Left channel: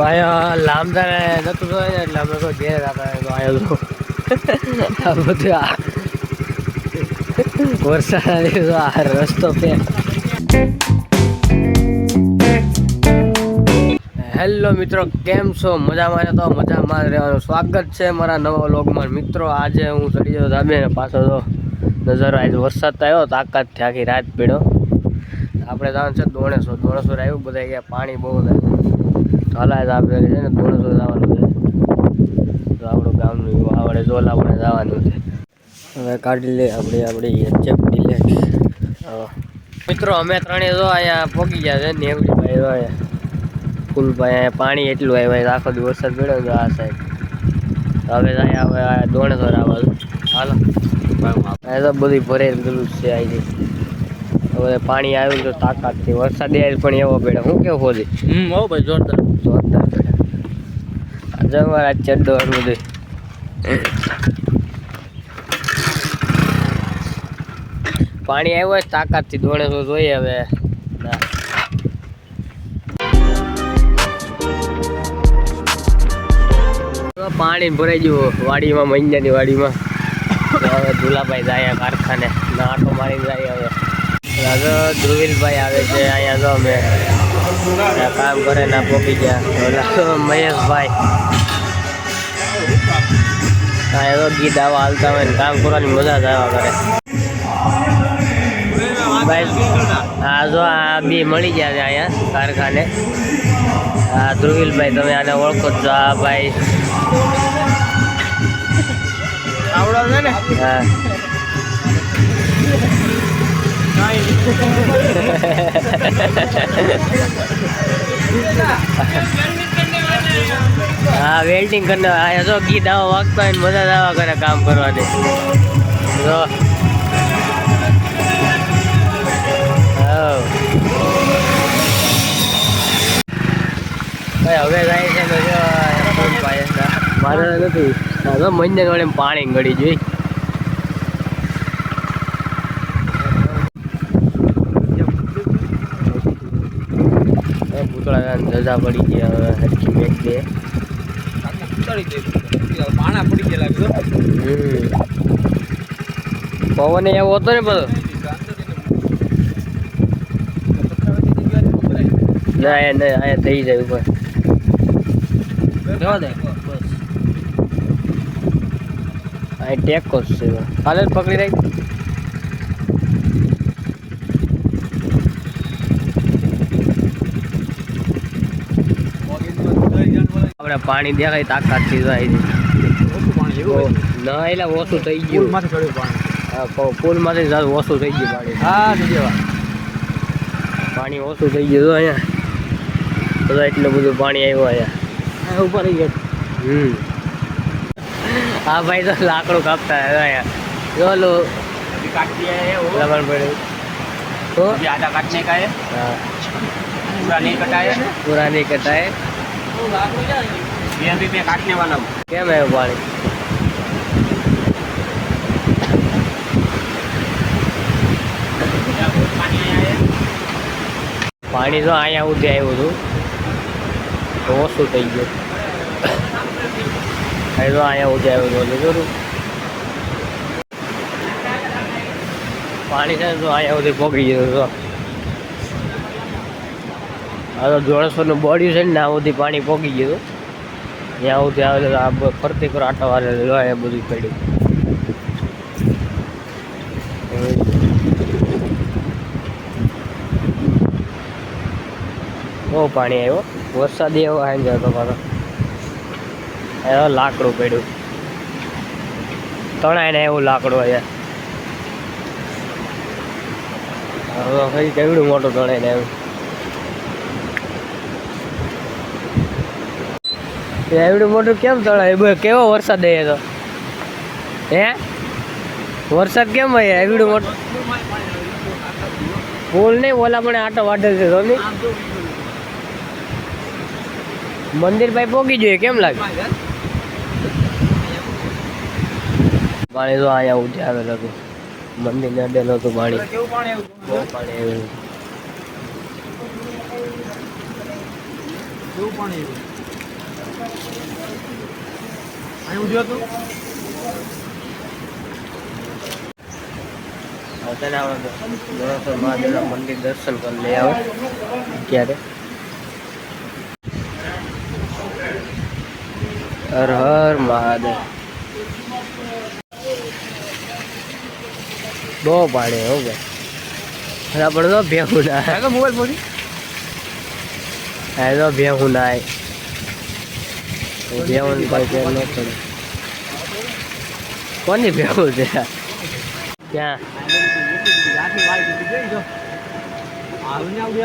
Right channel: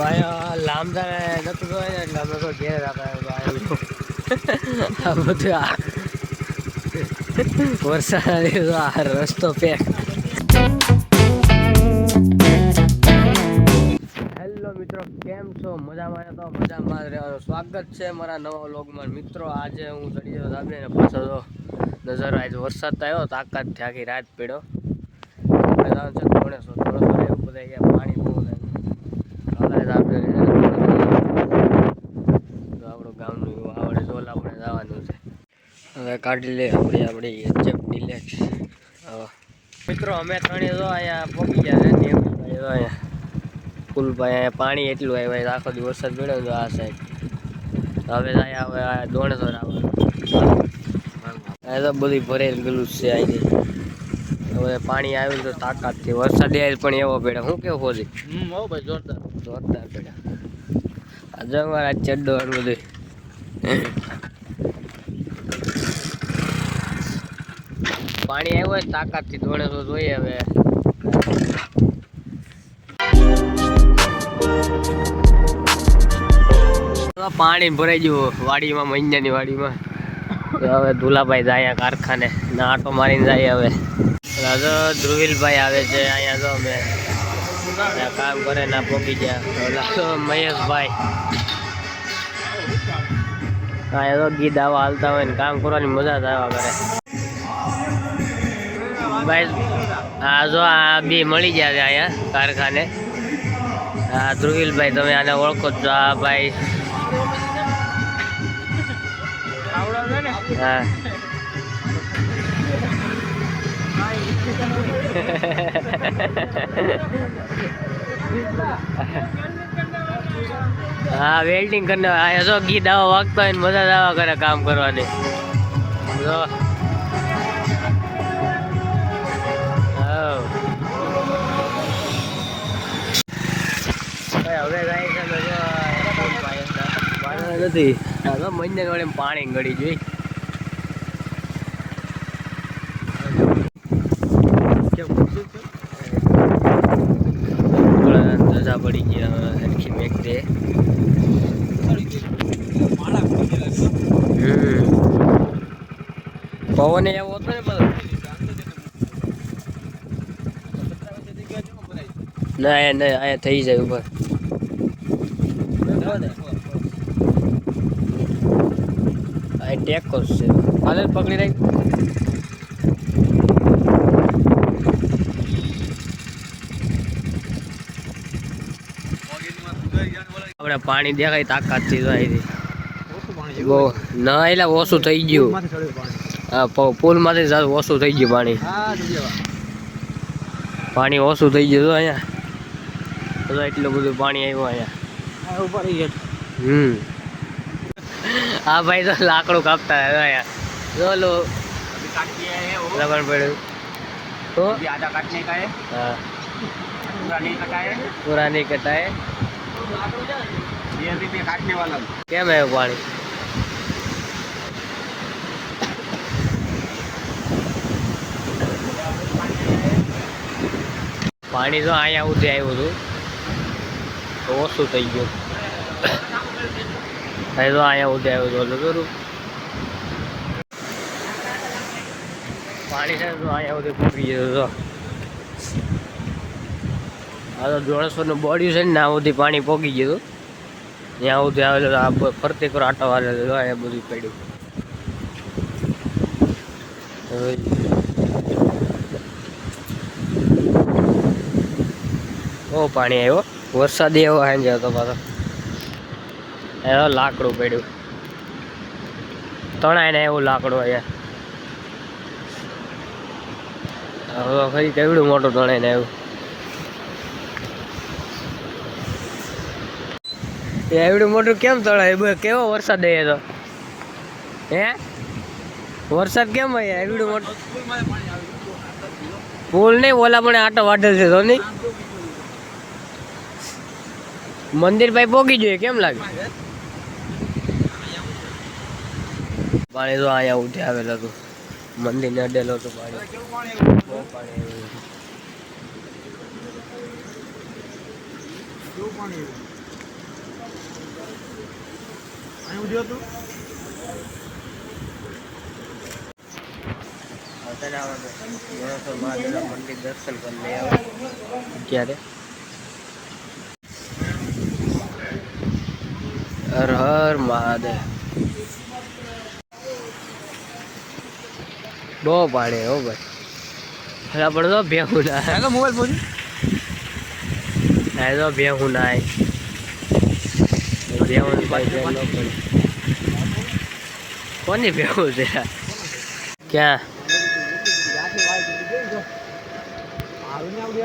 ભાઈ લાંબા જતું જોયે ને એટલે અમે તો ઘેર તો આ બધું આ વરસાદ આ રસ્તો પે હેલો મિત્રો, કેમ છો? મજામાં તો મજામાં રહેવાનું. સ્વાગત છે મારા નવા વ્લોગમાં. મિત્રો, આજે હું ચડી ગયો ધાબે પાછો તો નજારો આજે વરસાદ તો આવ્યો તાકાતથી આખી રાત પીડ્યો. આપણે જવાનું છે ધોણેશ્વર ધોણેશ્વર આવ્યું બધા ગયા, પાણી બહુ થાય હલાય તો આપણે છે આપણું ગામનું એવું આવડે જોલા આપણે જવાનું છે. હવે કાઢી લે આપણી આપણી ચેપટી લે મિત્રો, અમે ત્રણેય જો અહીંયા પહોંચી ગયા છે ને એવું ભાઈ જો અહીંયા ફૂલભાઈ અહીંયા પાણી એટલું આવ્યું આખો દિવસ વરસાદ પડ્યો હતો આ સાઈડ હવે અહીંયા હવે દોણેશ્વર આવે. અહીંયા તો બધું ભરેલું ગયેલું છે અહીંથી. હવે પાણી આવ્યું તો તાકાતથી વરસાદ પણ એવો પડે હું કેવું હોલી હમ હો ભાઈ જોરદાર. જોરદાર પડ્યો. જમવા ચડ્ડો બધું. પાણી આવ્યું હોય તાકાતથી દોણેશ્વર જોઈએ હવે. પાણી ભરાઈ ગયું વાડીમાં મહિનાની વાડીમાં. હવે ધુલાભાઈ જાય કારખાને. ના આટો મારીને જાય હવે. રાજો ધ્રુવીલભાઈ આવે છે અહીંયા જો અમે કામ કરે ના પોકી ગયા. ઓલા તો મહેશભાઈ. અહીંયા તો ગીત આવા હાલતા હોય ને કામ કરવાની મજા જ આવ્યા કરે. હા જો આ બે મળી ગયા છે અહીંયા કારખાને. હા ધ્રુવીલભાઈ તમે આને ઓળખો છો. આ ભાઈ. આવડો છે ને? હા. હા વેલ્ડિંગ કરીને આયા જો ગીત દાવા વાગતા હોય મજા દાવા કરે કામ કરવાની. જો. હવે જાય છે. મારે નથી. મહિને વડે પાણી ગળી જોઈ રજા પડી ગયા હવે હરખી મેક દે પવન એવો હતો ને બધો. ના, એ નહીં અહીંયા થઈ જાય ઉપર. આ ટેકો જ છે. હાલે, પકડી રહી આપણે પાણી દેખાય તાકાતથી જાય છે બહુ ના એટલે ઓછું થઈ ગયું હા પ- પુલમાંથી જ ઓછું થઈ ગયું પાણી હા જોવા પાણી ઓછું થઈ ગયું જો અહીંયા બધા એટલું બધું પાણી આવ્યું અહીંયા આ ઉપર રહી ગયા હમ હા ભાઈ તો લાકડું કાપતા હતા અહીંયા જો લો काट दिया है वो લગન પડ્યું તો अभी आधा काटने का है હા पूरा नहीं कटा है પુરાની કટાએ ये अभी मैं काटने वाला हूँ કેમ આવ્યું પાણી પાણી તો અહીંયા સુધી આવ્યું હતું તો ઓછું થઈ ગયું અહીં તો અહીંયા સુધી આવ્યું હતું એટલે ખરું પાણી છે ને તો અહીંયા સુધી પહોંચી ગયું તો આ તો જોડેશ્વરનું બોડી છે ને, ત્યાં સુધી પાણી પહોંચી ગયું ત્યાં સુધી આવેલું આ ફરતી પર આટો વાળેલો એ બધું પડ્યું. બહુ પાણી આવ્યો. વરસાદ એવો આવી જાય તો પાછો. એનો લાકડું પડ્યું. તણાય ને એવું લાકડું અહીંયા હવે ફરી કેવડું મોટું તણાય ને એવડું મોટું કેમ તળાય? કેવો વરસાદ આવ્યો તો? હે? વરસાદ કેમ આવ્યા એવડું મોટું? પુલ નહીં, ઓલા પણ આટો વાઢેલ છે નહીં મંદિર ભાઈ પોગી જોઈએ કેમ લાગે? પાણી તો અહીંયા ઉઠી આવેલ હતું મંદિર ને અડેલું હતું પાણી. બહુ પાણી આવ્યું? તો. ગણેશ્વર મહાદેવના મંદિર દર્શન કરી લઈ આવે. હર હર મહાદેવ. બહુ પાણી હો ભાઈ. આપણે પણ તો ભેગું ના ભેગું તો ભેહું ના કઈ ફેર ન પડે. કોની ભેહું છે? ક્યાં?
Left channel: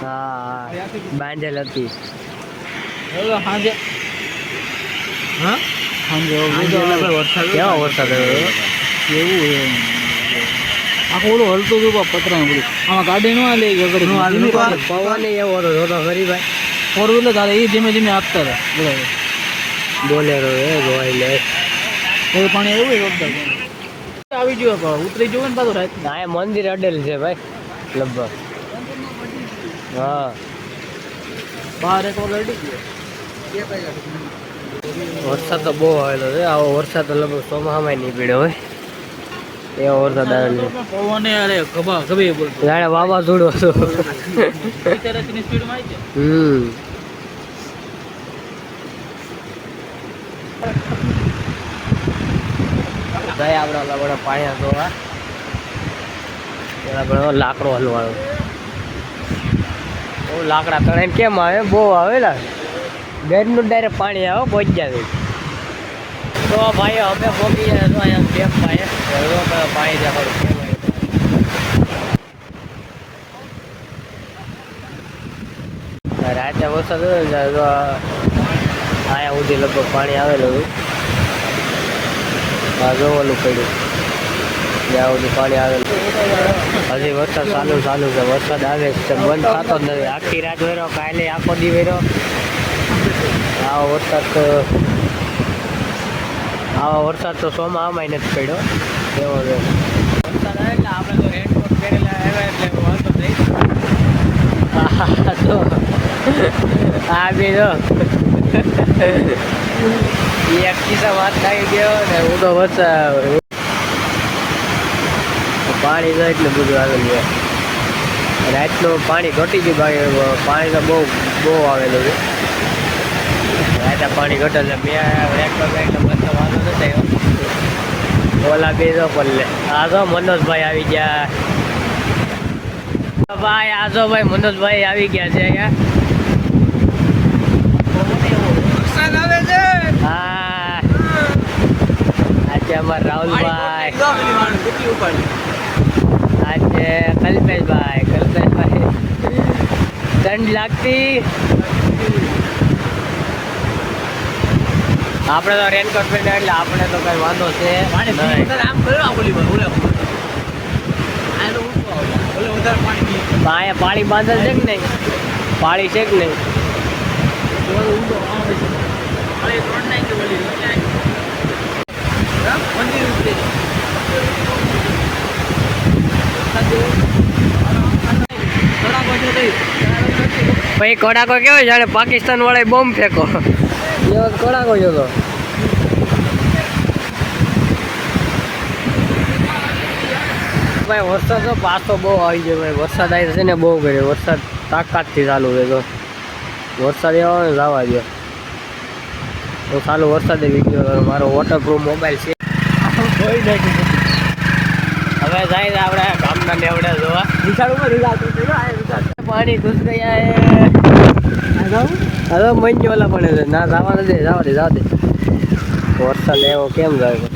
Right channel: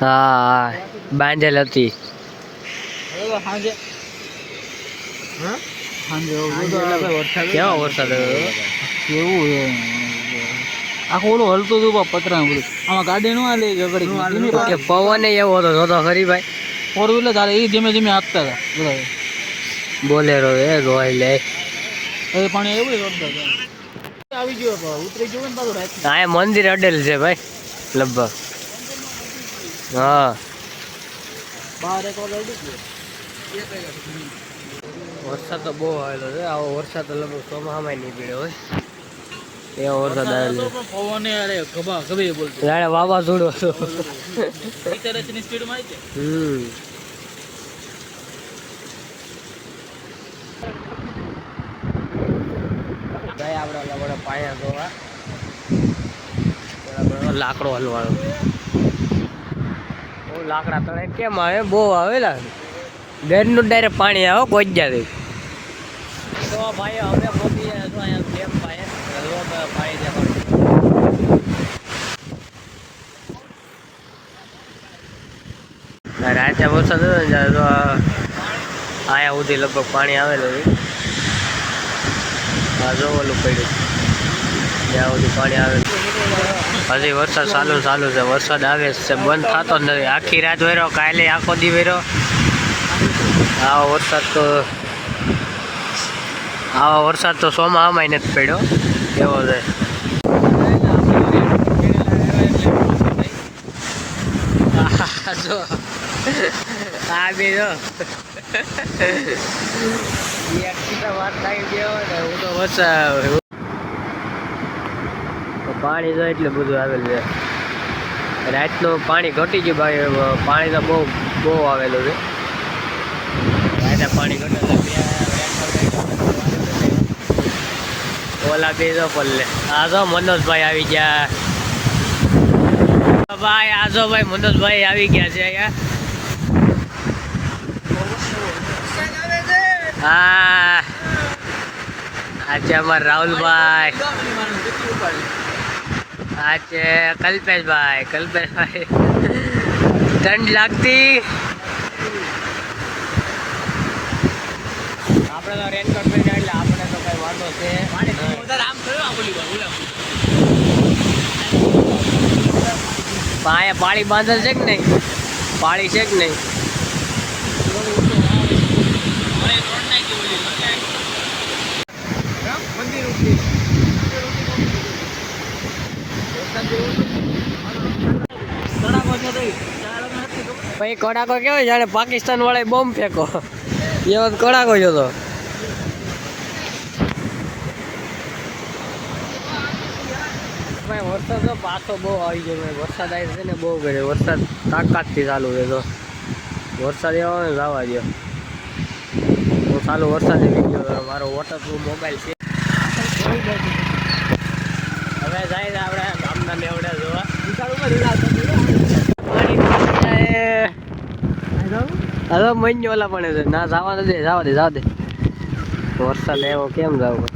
હા હા. બાંધેલ હતી. કેવો વરસાદ આવ્યો? આખું ઓલું હલતું હતું પતરા બધું આમાં ગાડી નો હાલે પવન એવો હતો જોતો ખરી ભાઈ. ફોર વ્હીલર ચાલે એ ધીમે ધીમે આપતા હતા બોલેરો એ ગોઈ લે. એ પણ એવું જોરદાર આવી ગયો પણ ઉતરી ગયો ને પાછું રાત. એ મંદિર અડેલ છે ભાઈ લગભગ. હા. બાર એક વાગે અડી ગયો. વરસાદ તો બહુ આવેલો છે. આવો વરસાદ તો લગભગ ચોમાસામાં નહીં પીડ્યો હોય. એવો વરસાદ આવેલો પવને અરે ગભા ગભે બોલતો. વાવાઝોડું હતું. હમ. આપણે લાકડો હલવાનો. બહુ લાકડા તણાઈને કેમ આવે? બહુ આવેલા બેડનું ડાયરેક્ટ પાણી આવે કોઈ જાય તો ભાઈ અમે ભોગી અહીંયા ડેમ પાયે પાણી દેખાડું રાતે વરસાદ આયા સુધી લગભગ પાણી આવેલું હતું. આ જો ઓલું પડ્યું. જ્યાં સુધી પાણી આવેલું હજી વરસાદ ચાલુ ચાલુ છે. વરસાદ આવે છે. બંધ થતો જ નથી. આખી રાત વેરો કાલે આખો દી વેરો આવો વરસાદ તો આવા વરસાદ તો સોમાં નથી પડ્યો. એવો છે. આ બે જો. વાત લાગી ગયો ને હું તો વરસાદ પાણી તો એટલું બધું આવેલું છે. રાતનું પાણી ઘટી ગયું, બાકી પાણી તો બહુ બહુ આવેલું છે. રાતે પાણી ઘટે બે રેકમાં બે એટલે ન થયો ઓલા બે તો પલ્લે આ જો મનોજભાઈ આવી ગયા. ભાઈ, આ તો ભાઈ મનોજભાઈ આવી ગયા છે અહીંયા હા આજે અમાર રાહુલભાઈ. આજે કલ્પેશભાઈ. કલ્પેશભાઈ. ઠંડ લાગતી. આપણે તો રેનકોટ પહેરીને એટલે આપણે તો કઈ વાંધો છે પાણી બાંધેલ છે કે નહીં? પાણી છે કે નહીં? પછી કડાકો કેવો જાણે પાકિસ્તાન વાળા બોમ્બ ફેંકો. એવો કડાકો જો તો. ભાઈ વરસાદ તો પાછો બહુ આવી ગયો ભાઈ. વરસાદ આવી છે ને બહુ કર્યો. વરસાદ તાકાતથી ચાલુ છે તો. વરસાદ એવો ને જવા દો હું ચાલુ વરસાદે વીડિયો મારો વોટરપ્રૂફ મોબાઈલ છે. હવે જાય છે આપણે ગામના લેવડે જોવા. પાણી હવે મહિનો ઓલા પણ છે. ના, જવા દે જવા દે જવા દે. વરસાદ એવો કેમ જવું?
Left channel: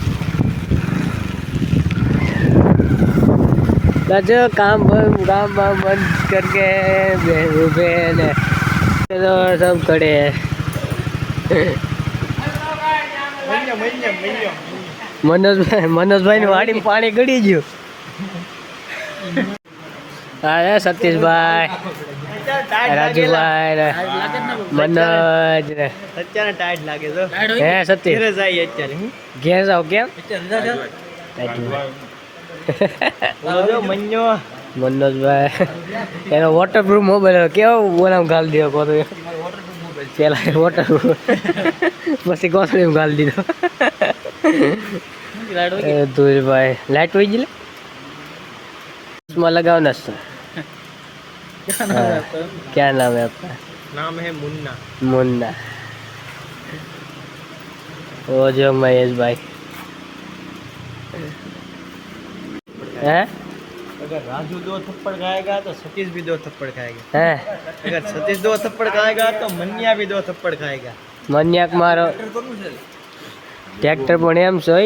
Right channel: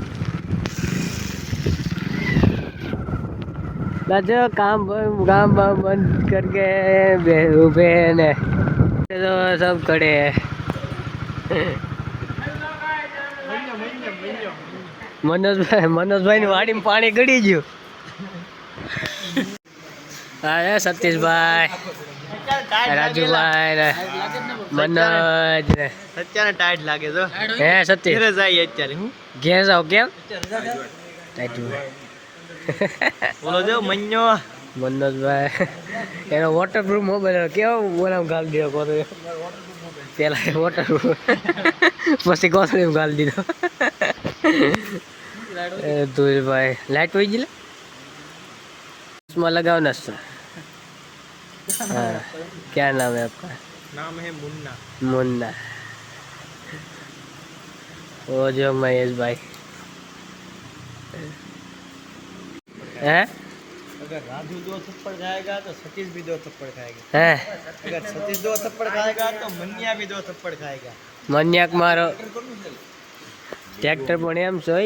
જો કામ કામ બામ બંધ કરકે ઉભે ને. તો સબ ખડે મનોજભાઈ મનોજભાઈ ની વાડીમાં પાણી ગળી ગયું. હા સતીશભાઈ. રાજુભાઈ ને મનોજ ને. અત્યારે ટાઈટ લાગે તો. હે સતીશ? ઘરે જાય અત્યારે ઘેર જાવ કેમ? મનોજભાઈ. એનો વોટરપ્રૂફ મોબાઈલ કેવો બોલામ ગાલ દીધો કહો પેલા એ વોટર પછી કોથળી ગાલી દીધો. એ ધુલભાઈ લાઈટ હોય ગઈ માં लगावना सर हाँ, क्या नाम है आपका नाम है मुन्ना मुन्ना वो जो महेश भाई हैं अगर राजू दो थप्पड़ खाएगा तो सतीश भी दो थप्पड़ खाएगा हैं अगर सतीश दो थप्पड़ खाएगा तो मनिया भी दो थप्पड़ खाएगा મન્યાક મારો ટ્રેક્ટર પણ એમ છે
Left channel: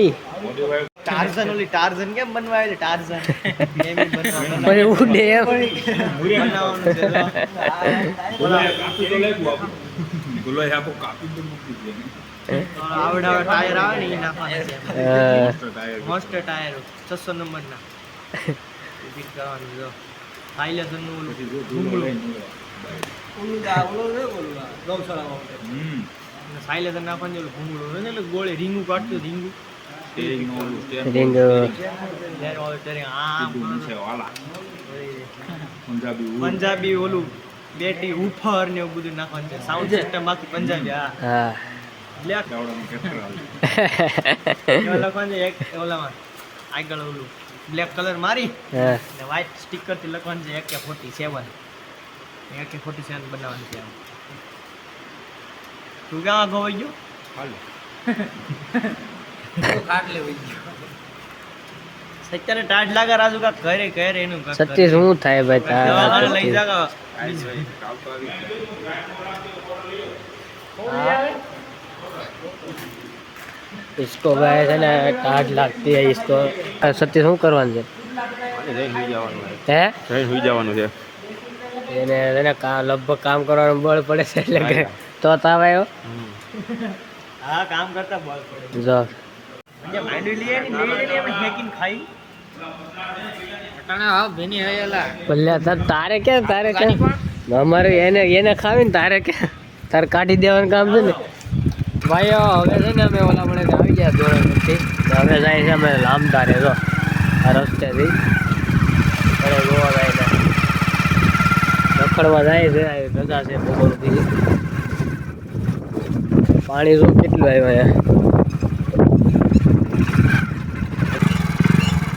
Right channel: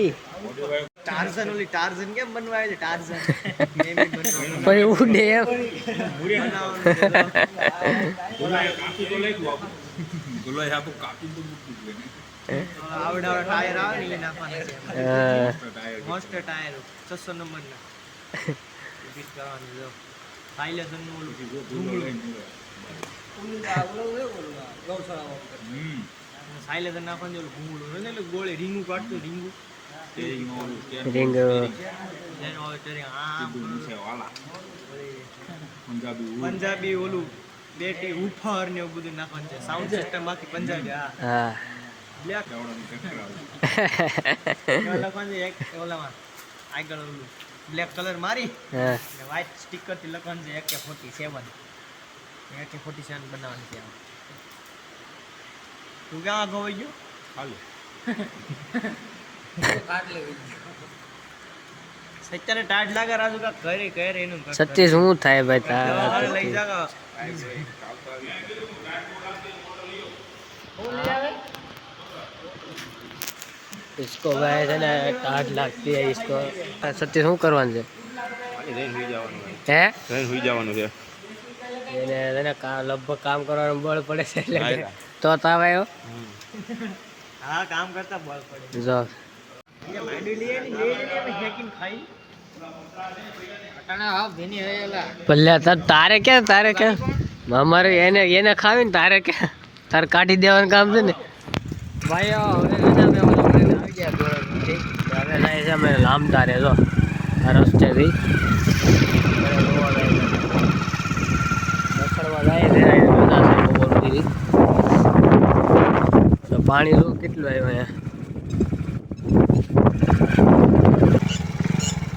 ટાર્ઝન ઓલી ટાર્ઝન કેમ બનવાય ટાર્ઝન. આવડા ટાયર આવે ને એ નાખવાના છે મોસ્ટ ટાયર. છસો નંબરના. ફિટ કરવાનું ઓલું. સાયલેશન નાખવાનું ઓલું ભૂંગળું હોય ને એટલે ગોળે રીંગું કાઢતું રીંગું. પંજાબી ઓલું બેટી ઉફર ને એવું બધું નાખવાનું છે. સાઉન્ડ સિસ્ટમ બાકી પંજાબી હા. બ્લેક લખવાનું છે એક ઓલામાં. આગળ ઓલું બ્લેક કલર મારી ને વ્હાઇટ સ્ટીકરથી લખવાનું છે એકે ફોર્ટી સેવન એકે ફોર્ટી સેવન બનાવવાનું છે તું ક્યાં ખોવાઈ ગયો સત્યને ટાઢ લાગે રાજુ કા ઘરે ઘરે એનું કાંઈક કરે. સતીશ શું થાય ભાઈ દવાખાને તારા લઈ જા બીજું इसको भाई છે ને ટાઢ લાગતી है इसको સતીશ શું કરવાનું છે હે સુઈ જવાનું છે એને એને કા લગભગ કામ કરવાનું બળ પડે છે એટલે કે તો તાવ આવ્યો હા કામ કરતા બોલ પડે. જો. જે માંડવી લે ને ને એમ હેકીને ખાઈ. ભલ્યા તાર તારે કે તારે કે? અમારે એને એને ખાવીને તારે કે? તારે કાઢી દેવાનું કામ છે ને? ભાઈઓ હવે છે ને અમે ઓલા મળે આવી ગયા ધોરણથી. પછી હવે જાય છે અમે લામ તારે જો. આ રસ્તે થી જોવા જાય છે રખડવા જાય છે બધા છે બપોરથી તો પાણી જો કેટલું આવ્યું અહીંયા?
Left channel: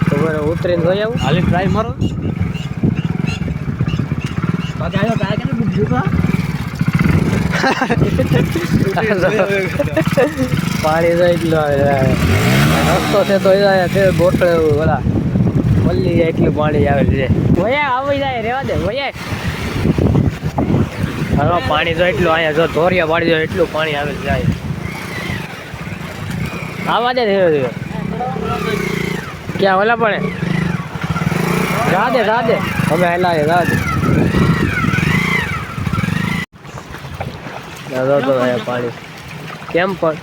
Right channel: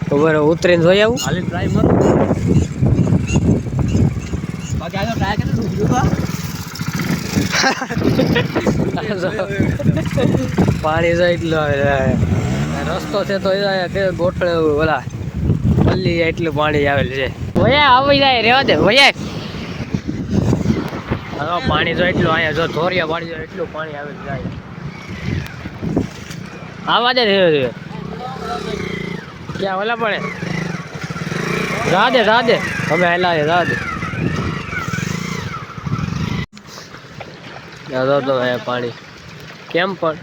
ખબર ઉતરીને જોઈ આવું. હાલી ટ્રાય મારો. બાકી પાણી તો એટલું આવે રસ્તો છે તો એ તે ગોઠડે ઓલા પલ્લી એટલું પાણી આવેલું છે. ભયા આવી જાય રેવા દે વયા. હવે પાણી તો એટલું અહીંયા જો ધોરિયા પાડી દો એટલું પાણી આવે જાય આવા દે ધીરે ધીરે. ક્યાં ઓલા પડે રાધે રાધે. અમે હેલા છે, રાધે. દાદા તો પાણી. કેમ પણ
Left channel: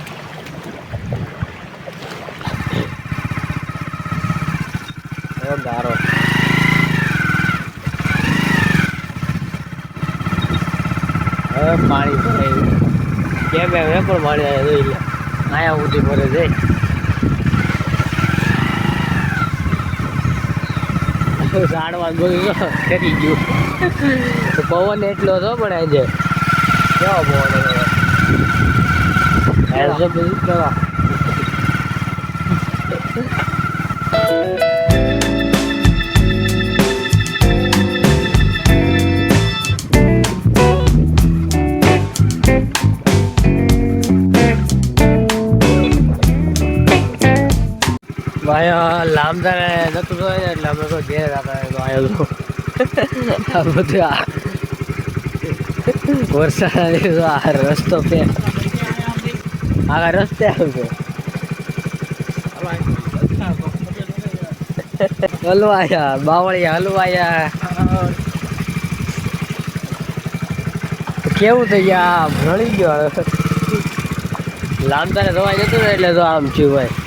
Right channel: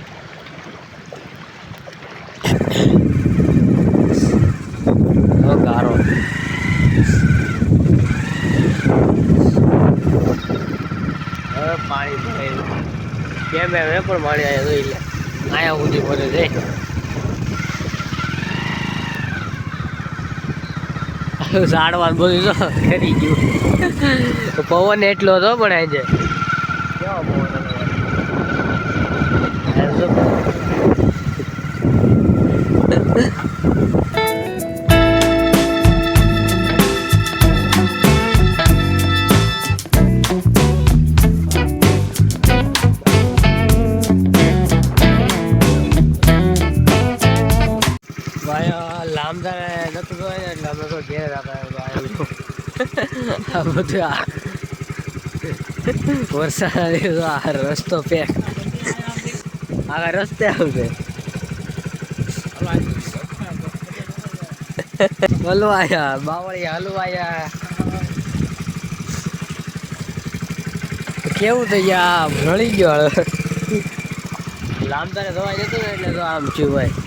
હવે ગારો હવે પાણી ભરાયેલું. કેમ એમ એ પણ પાણી અહીંયા જોઈ લે આયા સુધી ભરે જઈ ઝાડવા બધું જો થઈ ગયું. પવન એટલો હતો પણ આજે. કેવો પવન હતો? ભાઈ લાંબા નતું ને એટલે અમે તો ઘેર હતા તો આ બધું આ વરસાદ આ રસ્તો પે આ રસ્તે આવશે હલવાયા, બાવળિયા હલવાયા. કેવું થઈ ગયા? ભળી ગયો લાંબા ધોવાઈ જતું એટલે તો આમ થયું ભાઈ.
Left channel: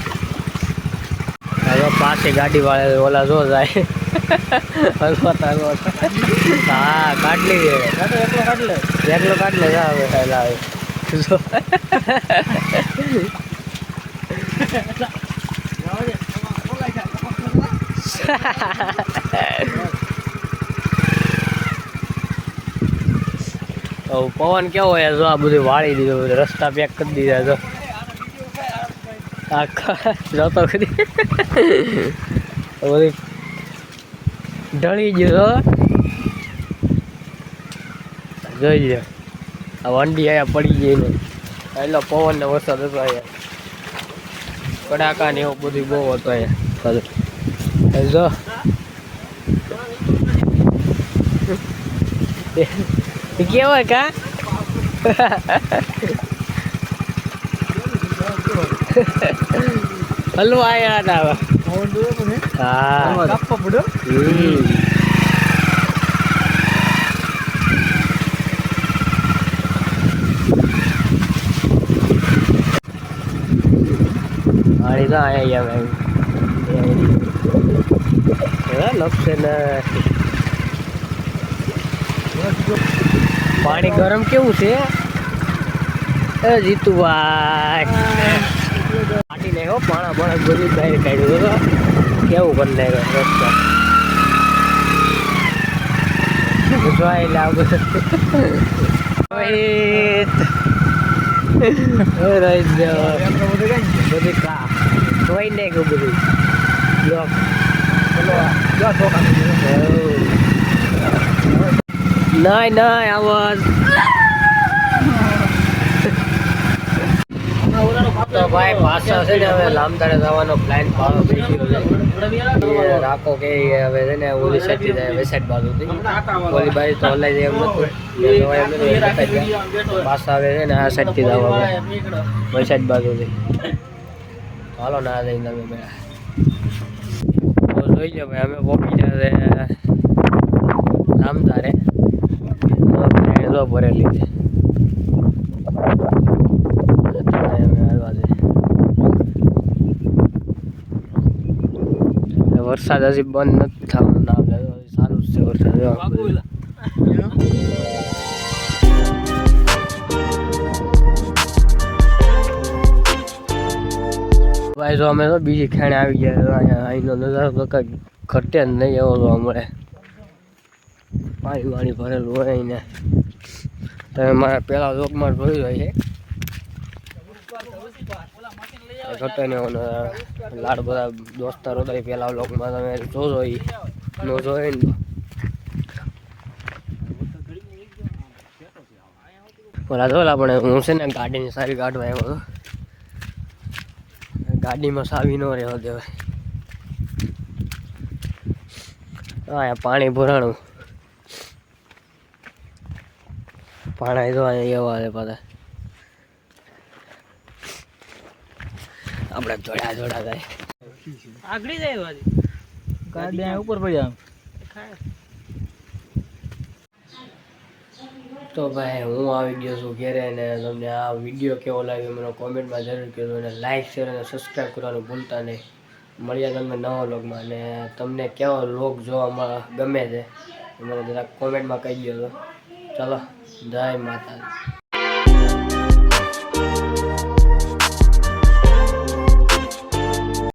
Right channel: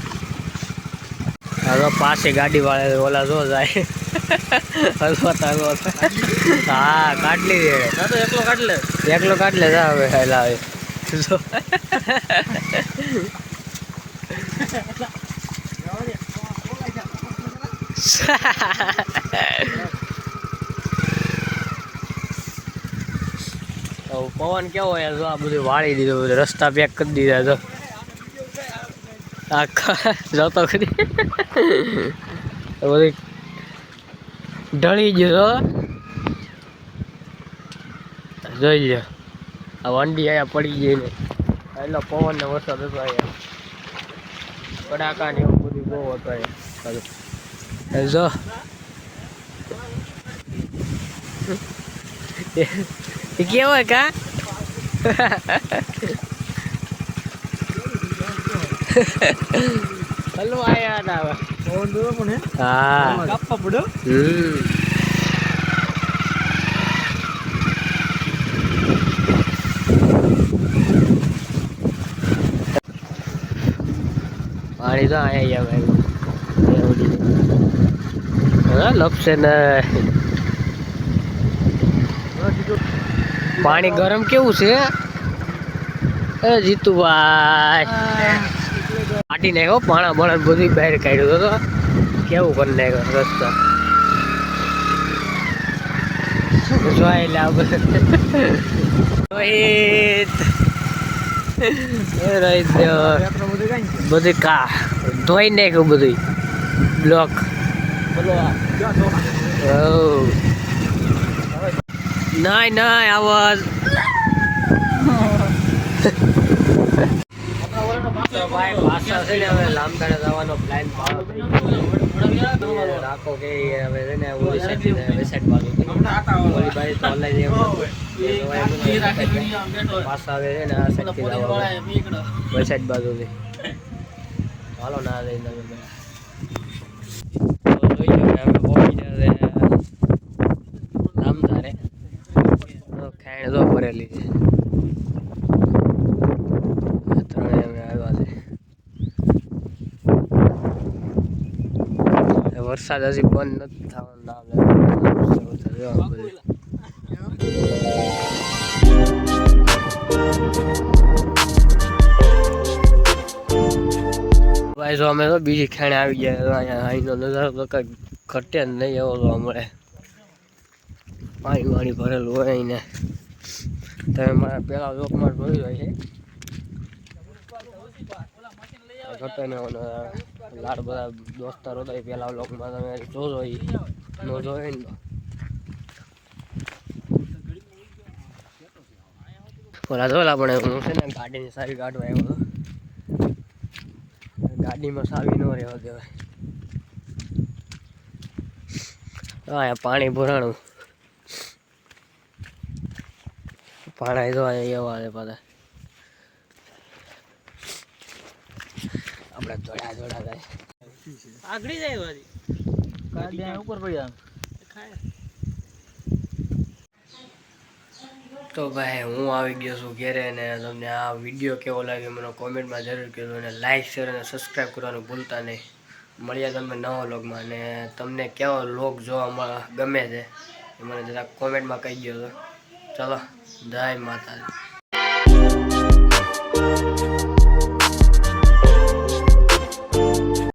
હવે પાસે ગાડી વાળે ઓલા જો જાય. હલવાતા હલવાતા. હા કાઢલી દે એકલો કાઢલે જા હવે, હેલા હવે. પવન કેવો હોય જો આ બધું વાળી દીધું રસ્તા પેક કરી દીધા તો આખા જતો ખરી બધું ઢળી ગયો. જોઈ લ્યો. આ વંડી અહીંયા પડી ગઈ ને. એટલો પવન ને વરસાદ હતો અહીંયા. કડાકા ને એવું બધું બહુ હતો અહીંયા. જો. કેવાય કા? હલવા આયા હતા હવે. હા. હમ પાણી તો અહીંયા આવ્યા લપસે ને. પાણી ગરમ કેવું છે? એ જીતુભાઈ. માટી નાખ્યો પાણા બળા બધું બહાર કાઢ્યું તો કેવું કરી નાખ્યો રસ્તા? બધું. કા ધોઈ નાખ્યું બધું. બ્લોક નહીં નહીં આવાજ. તો ભાઈ પાછા છે ને હવે લામદાડે જવાનો પ્લાન પાડો છે. રાખો કે હવે છે ને ઓલી સાઈડથી જાય વેસાઈડ બાજુ થી. ઓલી બાજુ તો હલાઈ જાય એમ નતું. જવાય એમ પાછા હવે છે ને આ સાઈડથી જવા વેસાઈડ બાજુ થી. હાલો ના જઈને તમે બે જોઈ લો કે અમે પહોંચી જશે લામદારે ભરેલી છે અત્યારે અમે આવ્યા છે વરસાદ હજી બંધ નથી થવાનો સારું વરસાદ. ભાઈ, જો અમે તો બીજી ખેણે આવી ગયા. અહીંનો નજારો તો કંઈક ઘટે જ નહીં એવો જોવા મળે પાણી વાણી ભરેલું હોય ને તમે મારા પહેલાં લોકમાં જોયું હોય છે ને લાડ બધા દોસ્તારો હતા પેલા લોકમાં તમે જોજો એ નો જોઈ ને? ઓલા જોયેલા પણ હું છે ને ગાડીની સારી કાઢવા આવ્યો હતો. ગાડીમાં સાવી ન રહેવા દેવાય હા પાણી ભરાણું. પાણી જોવા એવા પાછા. આપણે દોડા દોડા થાય આગળી જાય વાજી ઉપર પડ્યા તો ભાઈ હું આવી ગયો છું ઘેરે અને તમને આ વીડિયો કેવો લાગ્યો મને કોમેન્ટમાં જરૂર કહેજો અને લાઇક શેર અને સબસ્ક્રાઈબ કરવાનું ભૂલતા નહીં. મળ્યા તમે નવા લોગમાં અને તમને કેવો લોગ મળે ગમે છે એ મને જરાક કોમેન્ટમાં કહી ગયો તો. ચલો જય માતાજી.